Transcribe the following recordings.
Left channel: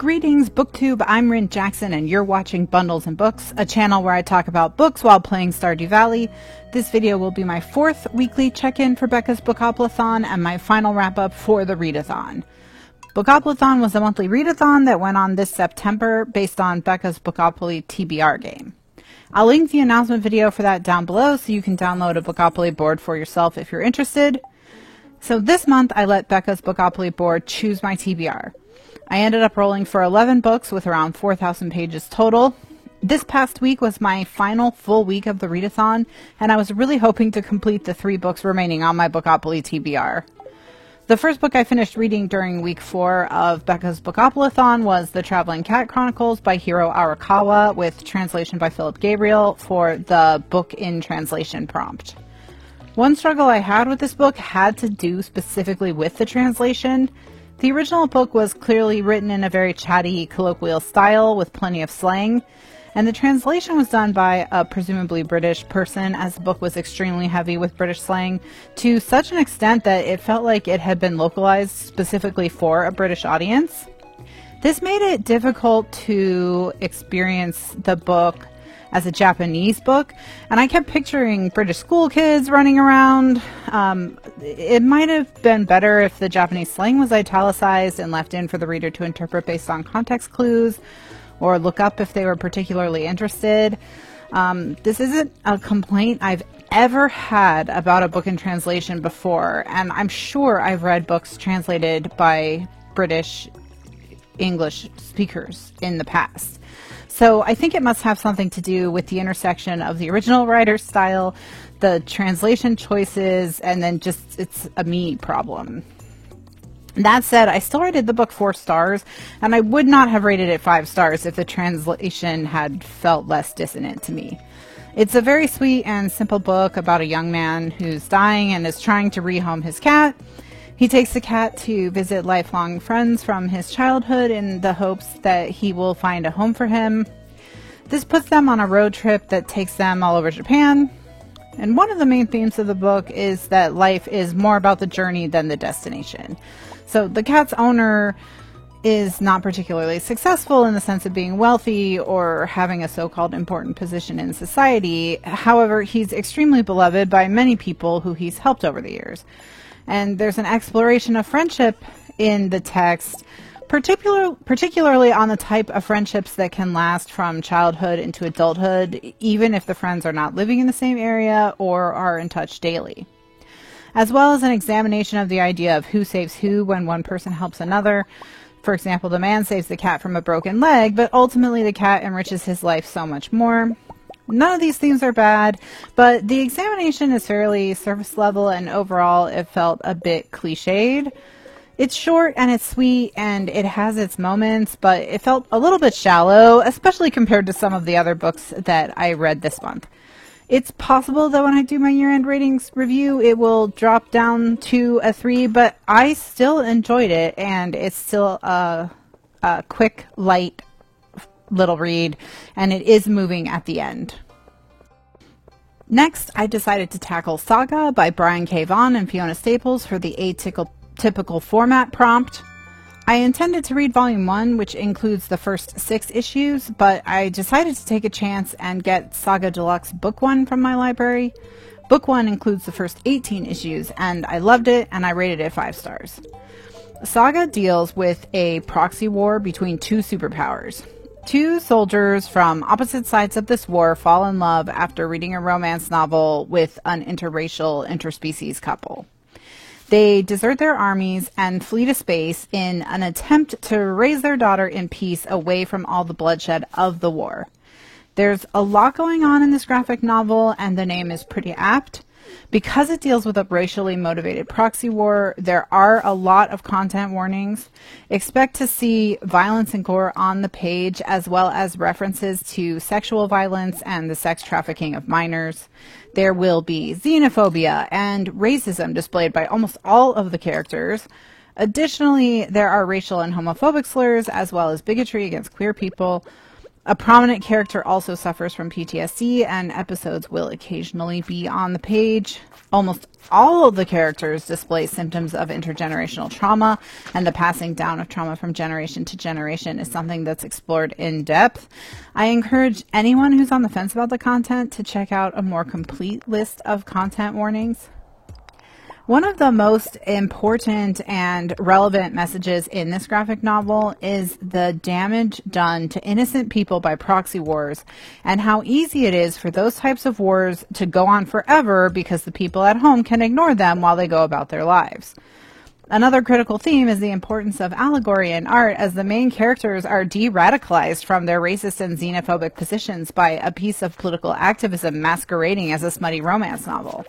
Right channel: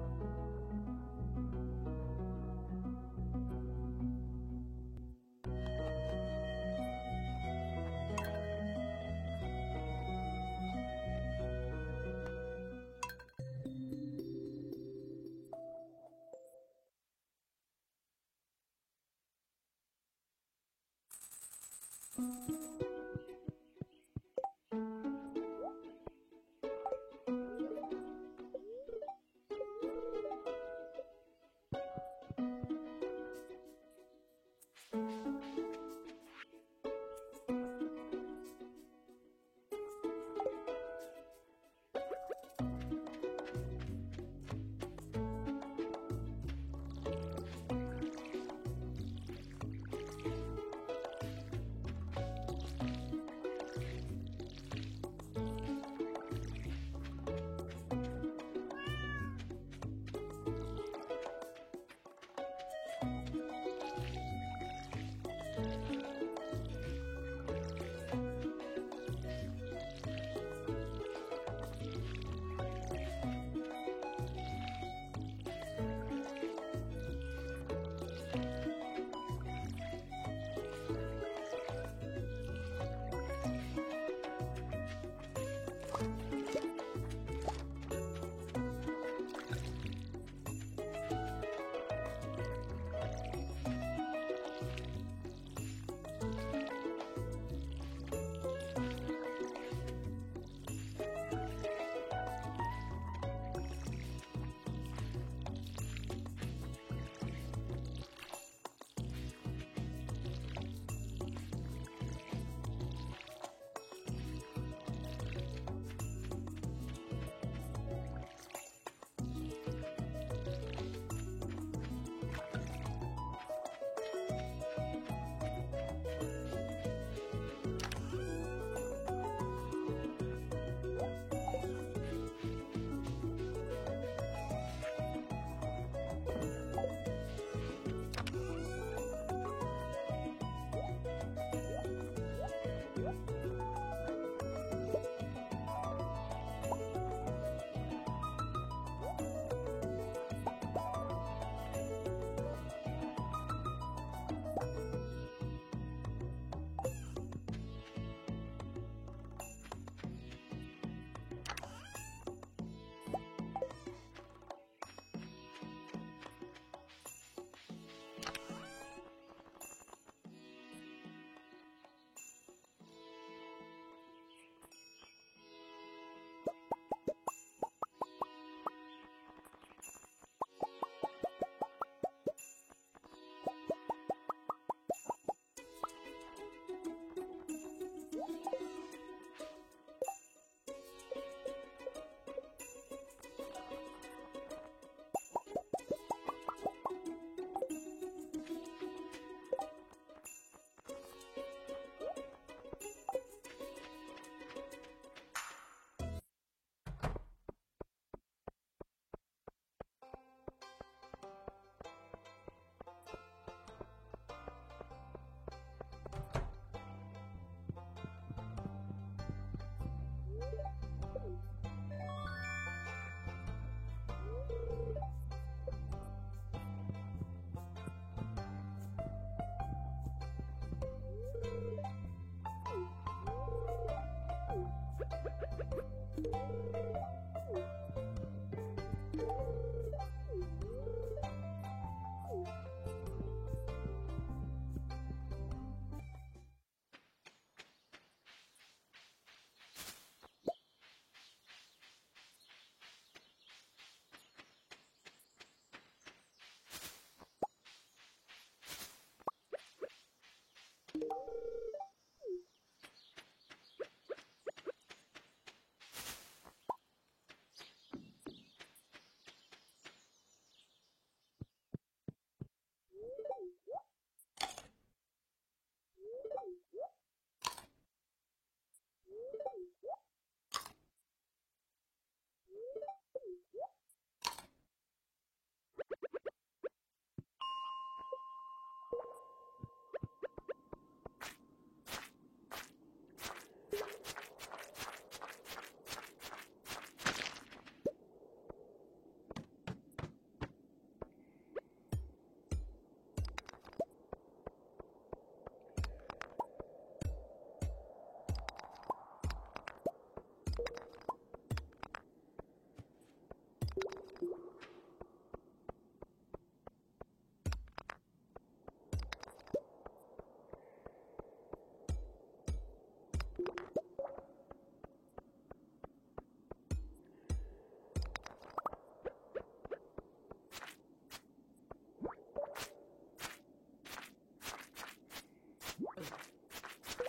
Greetings, BookTube. I'm Rin Jackson, and you're watching Bundles and Books, a channel where I talk about books while playing Stardew Valley. This video will be my fourth weekly check-in for Becca's Bookoplathon and my final wrap-up for the Readathon. Bookoplathon was a monthly readathon that went on this September based on Becca's Bookopoly TBR game. I'll link the announcement video for that down below so you can download a Bookopoly board for yourself if you're interested. So this month I let Becca's Bookopoly board choose my TBR. I ended up rolling for 11 books with around 4,000 pages total. This past week was my final full week of the readathon, and I was really hoping to complete the 3 books remaining on my Bookopoly TBR. The first book I finished reading during week 4 of Becca's Bookoplathon was The Traveling Cat Chronicles by Hiro Arakawa with translation by Philip Gabriel for the book in translation prompt. One struggle I had with this book had to do specifically with the translation. The original book was clearly written in a very chatty, colloquial style with plenty of slang, and the translation was done by a presumably British person, as the book was extremely heavy with British slang, to such an extent that it felt like it had been localized specifically for a British audience. This made it difficult to experience the book as a Japanese book, and I kept picturing British school kids running around. It might have been better if the Japanese slang was italicized and left in for the reader to interpret based on context clues, or look up if they were particularly interested. This isn't a complaint I've ever had about a book in translation before, and I'm sure I've read books translated by British English speakers in the past. So I think it must have something to do with the intersection of the original writer's style, the translation choices, and then just it's a me problem. That said, I still rated the book 4 stars, and I would not have rated it 5 stars if the translation had felt less dissonant to me. It's a very sweet and simple book about a young man who's dying and is trying to rehome his cat. He takes the cat to visit lifelong friends from his childhood in the hopes that he will find a home for him. This puts them on a road trip that takes them all over Japan. And one of the main themes of the book is that life is more about the journey than the destination. So the cat's owner is not particularly successful in the sense of being wealthy or having a so-called important position in society. However, he's extremely beloved by many people who he's helped over the years. And there's an exploration of friendship in the text, particularly on the type of friendships that can last from childhood into adulthood, even if the friends are not living in the same area or are in touch daily. As well as an examination of the idea of who saves who when one person helps another. For example, the man saves the cat from a broken leg, but ultimately the cat enriches his life so much more. None of these themes are bad, but the examination is fairly surface level, and overall it felt a bit cliched. It's short and it's sweet and it has its moments, but it felt a little bit shallow, especially compared to some of the other books that I read this month. It's possible that when I do my year-end ratings review, it will drop down to a 3, but I still enjoyed it, and it's still a quick, light little read, and it is moving at the end. Next, I decided to tackle Saga by Brian K. Vaughan and Fiona Staples for the atypical format prompt. I intended to read Volume 1, which includes the first 6 issues, but I decided to take a chance and get Saga Deluxe Book 1 from my library. Book 1 includes the first 18 issues, and I loved it, and I rated it 5 stars. Saga deals with a proxy war between 2 superpowers. 2 soldiers from opposite sides of this war fall in love after reading a romance novel with an interracial interspecies couple. They desert their armies and flee to space in an attempt to raise their daughter in peace away from all the bloodshed of the war. There's a lot going on in this graphic novel, and the name is pretty apt. Because it deals with a racially motivated proxy war, there are a lot of content warnings. Expect to see violence and gore on the page, as well as references to sexual violence and the sex trafficking of minors. There will be xenophobia and racism displayed by almost all of the characters. Additionally, there are racial and homophobic slurs, as well as bigotry against queer people. A prominent character also suffers from PTSD, and episodes will occasionally be on the page. Almost all of the characters display symptoms of intergenerational trauma, and the passing down of trauma from generation to generation is something that's explored in depth. I encourage anyone who's on the fence about the content to check out a more complete list of content warnings. One of the most important and relevant messages in this graphic novel is the damage done to innocent people by proxy wars, and how easy it is for those types of wars to go on forever because the people at home can ignore them while they go about their lives. Another critical theme is the importance of allegory in art, as the main characters are de-radicalized from their racist and xenophobic positions by a piece of political activism masquerading as a smutty romance novel.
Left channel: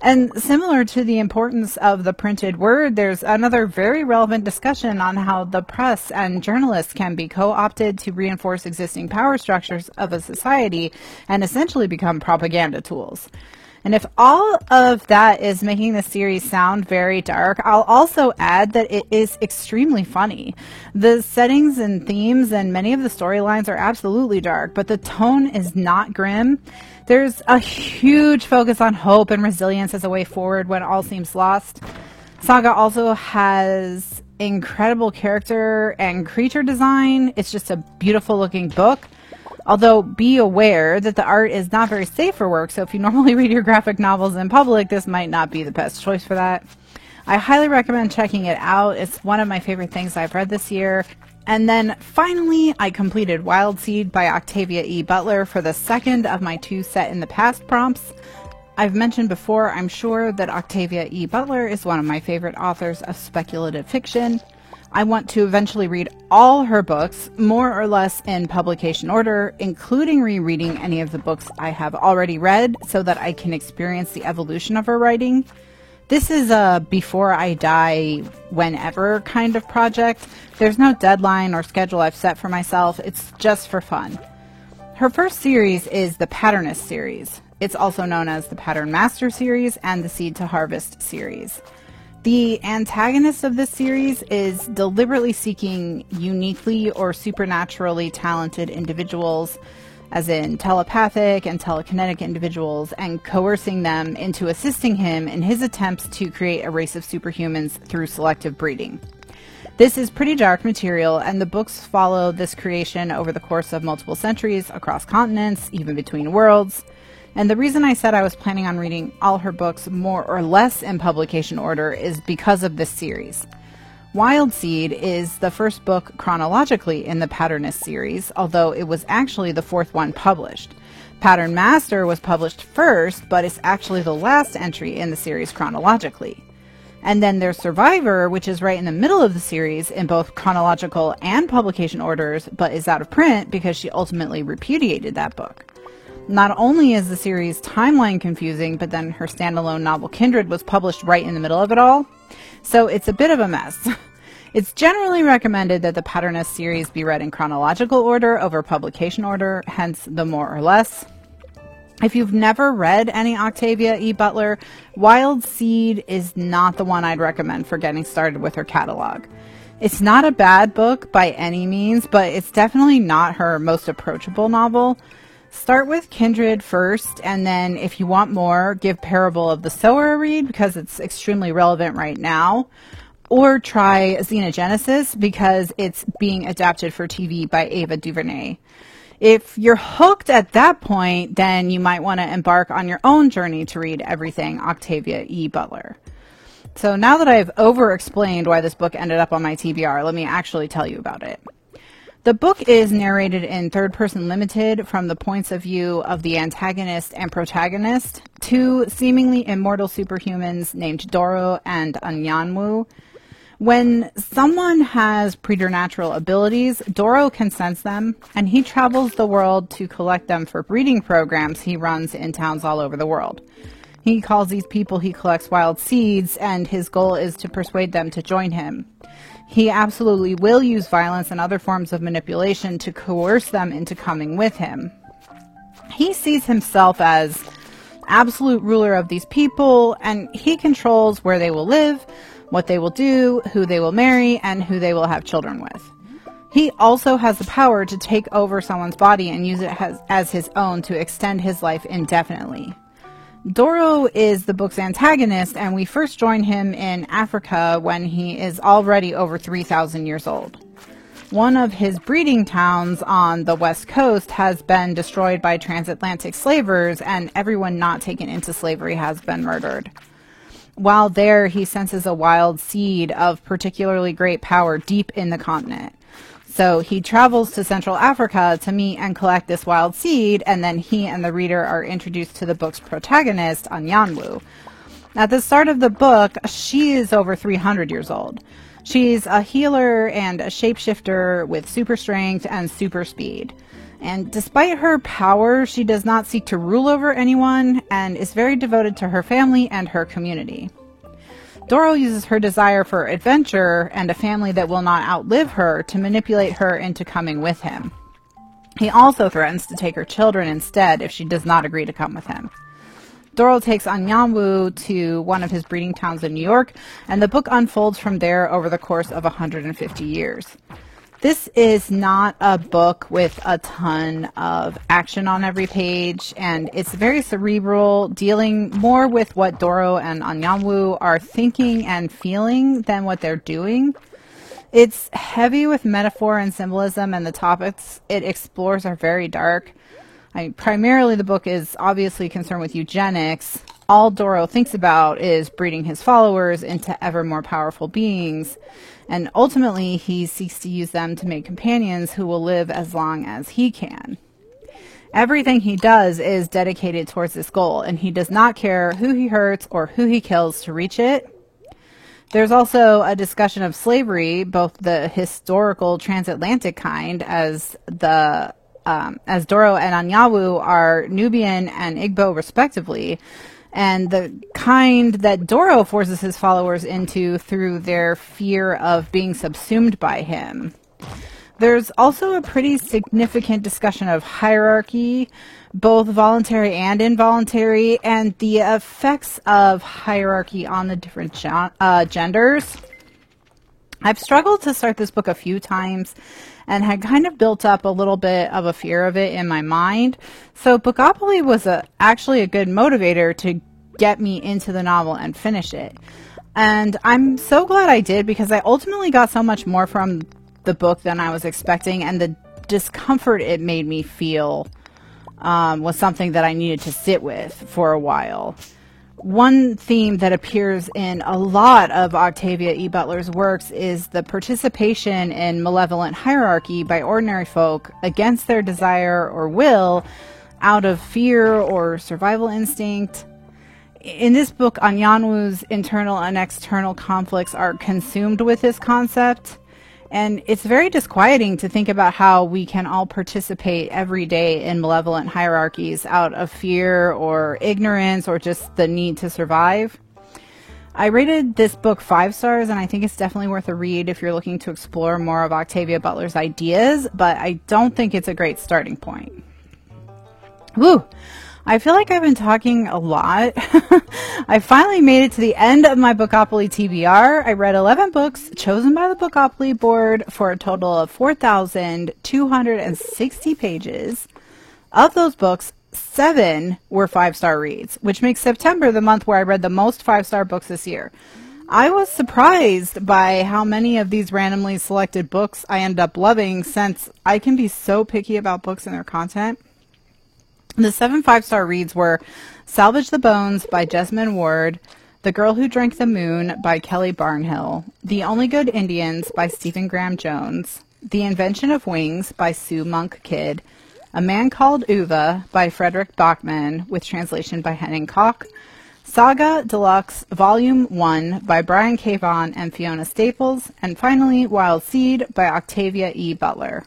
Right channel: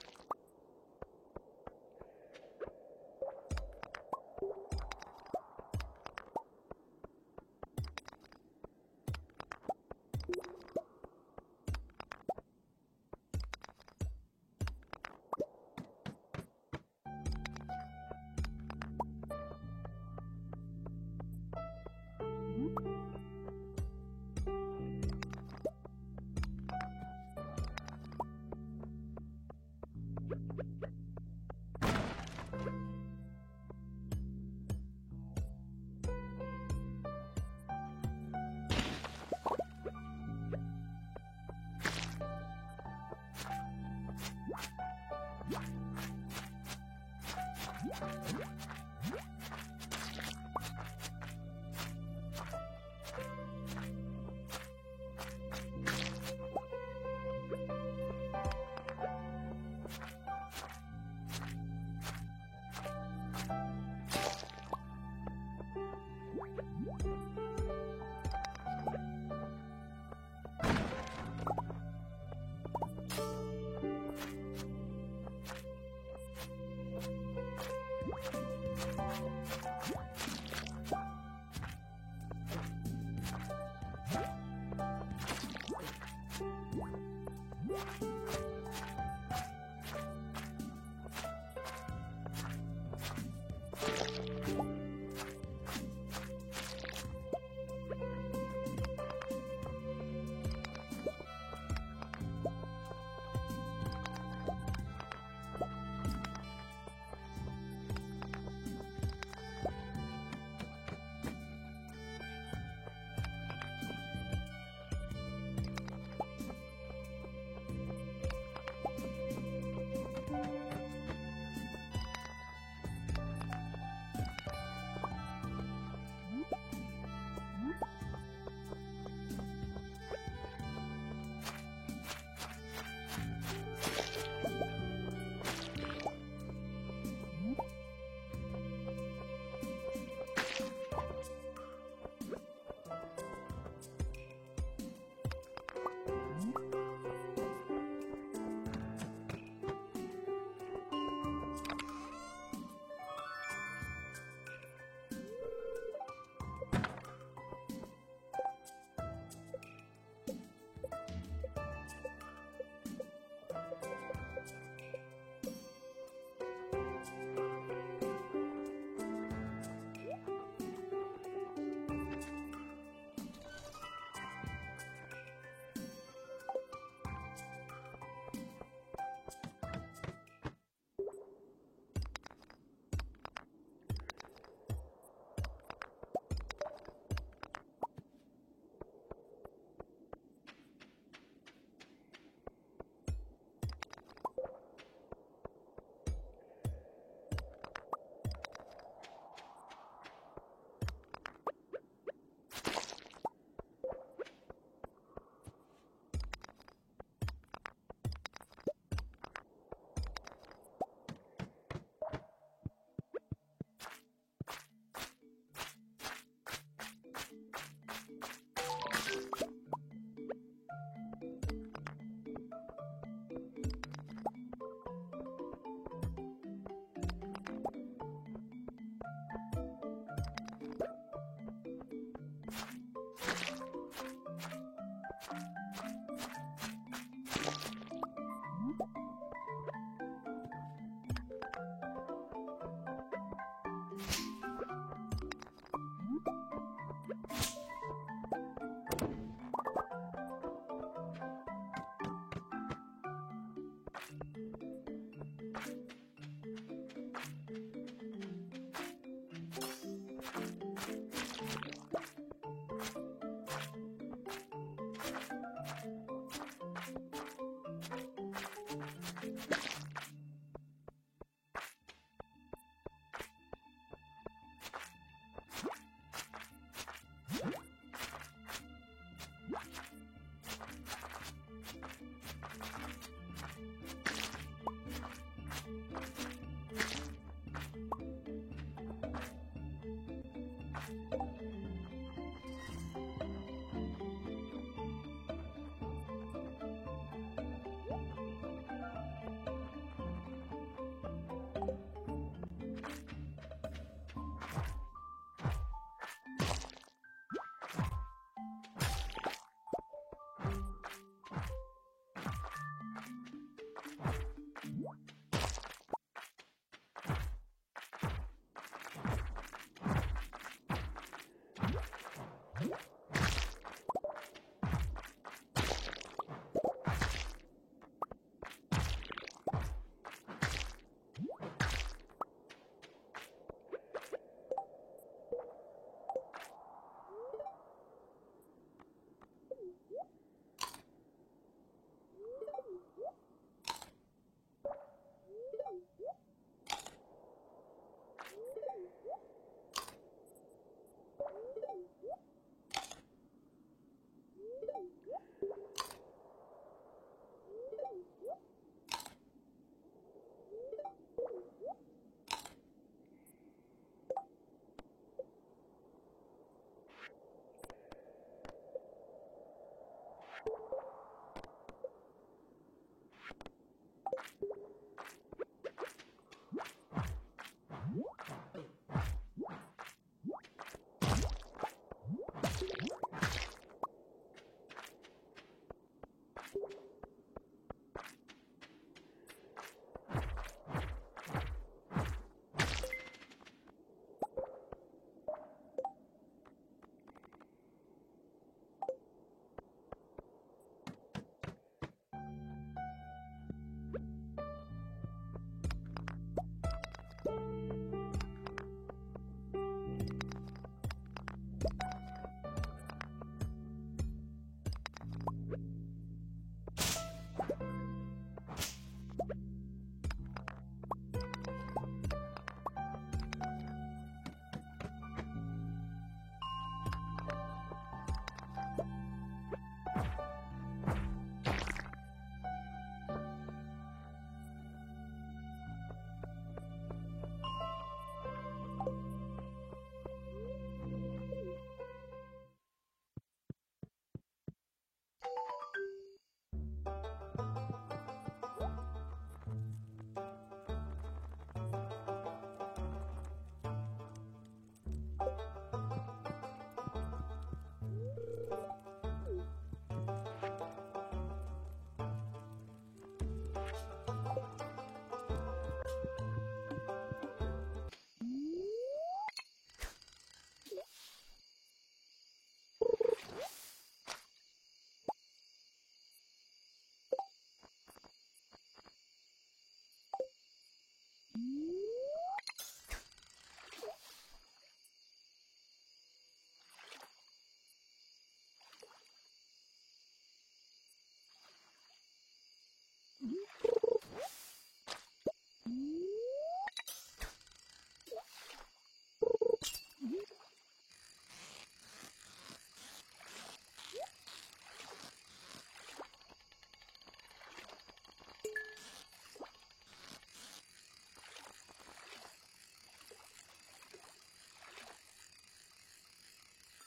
And similar to the importance of the printed word, there's another very relevant discussion on how the press and journalists can be co-opted to reinforce existing power structures of a society and essentially become propaganda tools. And if all of that is making the series sound very dark, I'll also add that it is extremely funny. The settings and themes and many of the storylines are absolutely dark, but the tone is not grim. There's a huge focus on hope and resilience as a way forward when all seems lost. Saga also has incredible character and creature design. It's just a beautiful looking book. Although be aware that the art is not very safe for work, so if you normally read your graphic novels in public, this might not be the best choice for that. I highly recommend checking it out. It's one of my favorite things I've read this year. And then finally, I completed Wild Seed by Octavia E. Butler for the second of my 2 set in the past prompts. I've mentioned before, I'm sure, that Octavia E. Butler is one of my favorite authors of speculative fiction. I want to eventually read all her books, more or less in publication order, including rereading any of the books I have already read so that I can experience the evolution of her writing. This is a before I die, whenever kind of project. There's no deadline or schedule I've set for myself. It's just for fun. Her first series is the Patternist series. It's also known as the Pattern Master series and the Seed to Harvest series. The antagonist of this series is deliberately seeking uniquely or supernaturally talented individuals, as in telepathic and telekinetic individuals, and coercing them into assisting him in his attempts to create a race of superhumans through selective breeding. This is pretty dark material, and the books follow this creation over the course of multiple centuries, across continents, even between worlds. And the reason I said I was planning on reading all her books more or less in publication order is because of this series. Wild Seed is the first book chronologically in the Patternist series, although it was actually the 4th one published. Pattern Master was published first, but it's actually the last entry in the series chronologically. And then there's Survivor, which is right in the middle of the series in both chronological and publication orders, but is out of print because she ultimately repudiated that book. Not only is the series timeline confusing, but then her standalone novel Kindred was published right in the middle of it all. So it's a bit of a mess. It's generally recommended that the Patternist series be read in chronological order over publication order, hence the more or less. If you've never read any Octavia E. Butler, Wild Seed is not the one I'd recommend for getting started with her catalog. It's not a bad book by any means, but it's definitely not her most approachable novel. Start with Kindred first, and then if you want more, give Parable of the Sower a read because it's extremely relevant right now. Or try Xenogenesis because it's being adapted for TV by Ava DuVernay. If you're hooked at that point, then you might want to embark on your own journey to read everything Octavia E. Butler. So now that I've over-explained why this book ended up on my TBR, let me actually tell you about it. The book is narrated in third-person limited from the points of view of the antagonist and protagonist, 2 seemingly immortal superhumans named Doro and Anyanwu. When someone has preternatural abilities, Doro can sense them, and he travels the world to collect them for breeding programs he runs in towns all over the world. He calls these people he collects wild seeds, and his goal is to persuade them to join him. He absolutely will use violence and other forms of manipulation to coerce them into coming with him. He sees himself as absolute ruler of these people, and he controls where they will live, what they will do, who they will marry, and who they will have children with. He also has the power to take over someone's body and use it as his own to extend his life indefinitely. Doro is the book's antagonist, and we first join him in Africa when he is already over 3,000 years old. One of his breeding towns on the west coast has been destroyed by transatlantic slavers, and everyone not taken into slavery has been murdered. While there, he senses a wild seed of particularly great power deep in the continent. So he travels to Central Africa to meet and collect this wild seed, and then he and the reader are introduced to the book's protagonist, Anyanwu. At the start of the book, she is over 300 years old. She's a healer and a shapeshifter with super strength and super speed. And despite her power, she does not seek to rule over anyone and is very devoted to her family and her community. Doro uses her desire for adventure and a family that will not outlive her to manipulate her into coming with him. He also threatens to take her children instead if she does not agree to come with him. Doro takes Anyanwu to one of his breeding towns in New York, and the book unfolds from there over the course of 150 years. This is not a book with a ton of action on every page, and it's very cerebral, dealing more with what Doro and Anyanwu are thinking and feeling than what they're doing. It's heavy with metaphor and symbolism, and the topics it explores are very dark. Primarily, the book is obviously concerned with eugenics. All Doro thinks about is breeding his followers into ever more powerful beings. And ultimately, he seeks to use them to make companions who will live as long as he can. Everything he does is dedicated towards this goal, and he does not care who he hurts or who he kills to reach it. There's also a discussion of slavery, both the historical transatlantic kind, as Doro and Anyanwu are Nubian and Igbo respectively, and the kind that Doro forces his followers into through their fear of being subsumed by him. There's also a pretty significant discussion of hierarchy, both voluntary and involuntary, and the effects of hierarchy on the different genders. I've struggled to start this book a few times and had kind of built up a little bit of a fear of it in my mind. So Bookopoly was actually a good motivator to get me into the novel and finish it. And I'm so glad I did, because I ultimately got so much more from the book than I was expecting, and the discomfort it made me feel was something that I needed to sit with for a while. One theme that appears in a lot of Octavia E. Butler's works is the participation in malevolent hierarchy by ordinary folk against their desire or will, out of fear or survival instinct. In this book, Anyanwu's internal and external conflicts are consumed with this concept, and it's very disquieting to think about how we can all participate every day in malevolent hierarchies out of fear or ignorance or just the need to survive. I rated this book 5 stars, and I think it's definitely worth a read if you're looking to explore more of Octavia Butler's ideas, but I don't think it's a great starting point. Woo! I feel like I've been talking a lot. I finally made it to the end of my Bookopoly TBR. I read 11 books chosen by the Bookopoly board for a total of 4,260 pages. Of those books, 7 were 5-star reads, which makes September the month where I read the most 5-star books this year. I was surprised by how many of these randomly selected books I ended up loving, since I can be so picky about books and their content. The 7 5-star reads were Salvage the Bones by Jesmyn Ward, The Girl Who Drank the Moon by Kelly Barnhill, The Only Good Indians by Stephen Graham Jones, The Invention of Wings by Sue Monk Kidd, A Man Called Uva by Frederick Bachman, with translation by Henning Koch, Saga Deluxe Volume 1 by Brian K. Vaughan and Fiona Staples, and finally Wild Seed by Octavia E. Butler.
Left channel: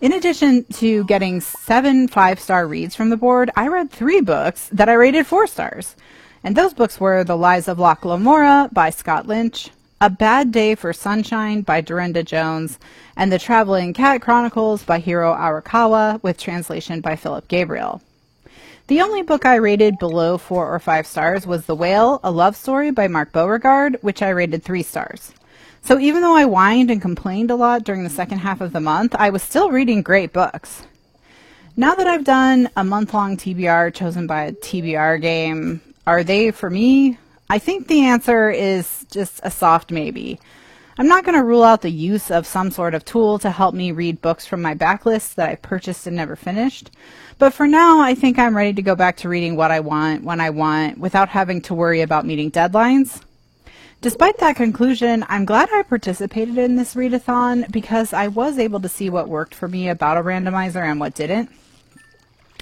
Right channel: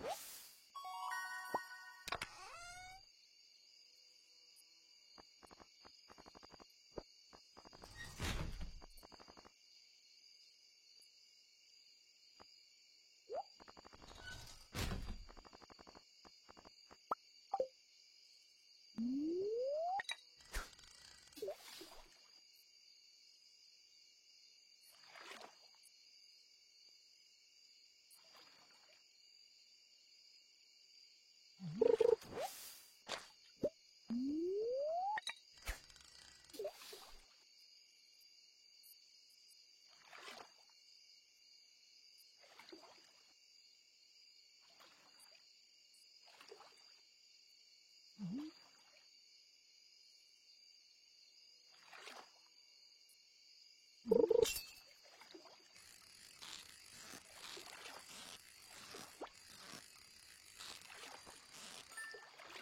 In addition to getting 7 5-star reads from the board, I read 3 books that I rated 4 stars. And those books were The Lies of Locke Lamora by Scott Lynch, A Bad Day for Sunshine by Dorinda Jones, and The Traveling Cat Chronicles by Hiro Arakawa, with translation by Philip Gabriel. The only book I rated below 4 or 5 stars was The Whale, A Love Story by Mark Beauregard, which I rated 3 stars. So even though I whined and complained a lot during the second half of the month, I was still reading great books. Now that I've done a month-long TBR chosen by a TBR game, are they for me? I think the answer is just a soft maybe. I'm not going to rule out the use of some sort of tool to help me read books from my backlist that I purchased and never finished. But for now, I think I'm ready to go back to reading what I want, when I want, without having to worry about meeting deadlines. Despite that conclusion, I'm glad I participated in this readathon because I was able to see what worked for me about a randomizer and what didn't.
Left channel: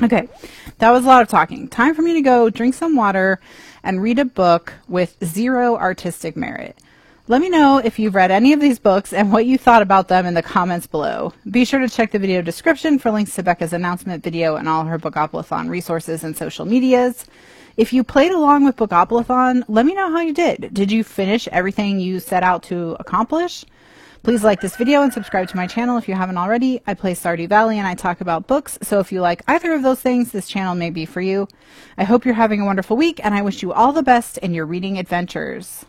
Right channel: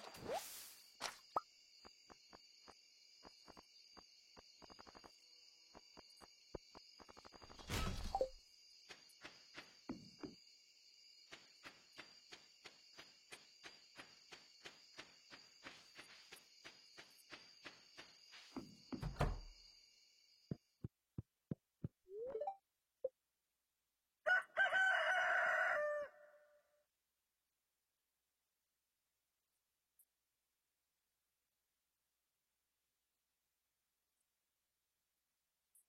Okay, that was a lot of talking. Time for me to go drink some water and read a book with 0 artistic merit. Let me know if you've read any of these books and what you thought about them in the comments below. Be sure to check the video description for links to Becca's announcement video and all her Bookoplathon resources and social medias. If you played along with Bookoplathon, let me know how you did. Did you finish everything you set out to accomplish? Please like this video and subscribe to my channel if you haven't already. I play Stardew Valley and I talk about books, so if you like either of those things, this channel may be for you. I hope you're having a wonderful week, and I wish you all the best in your reading adventures.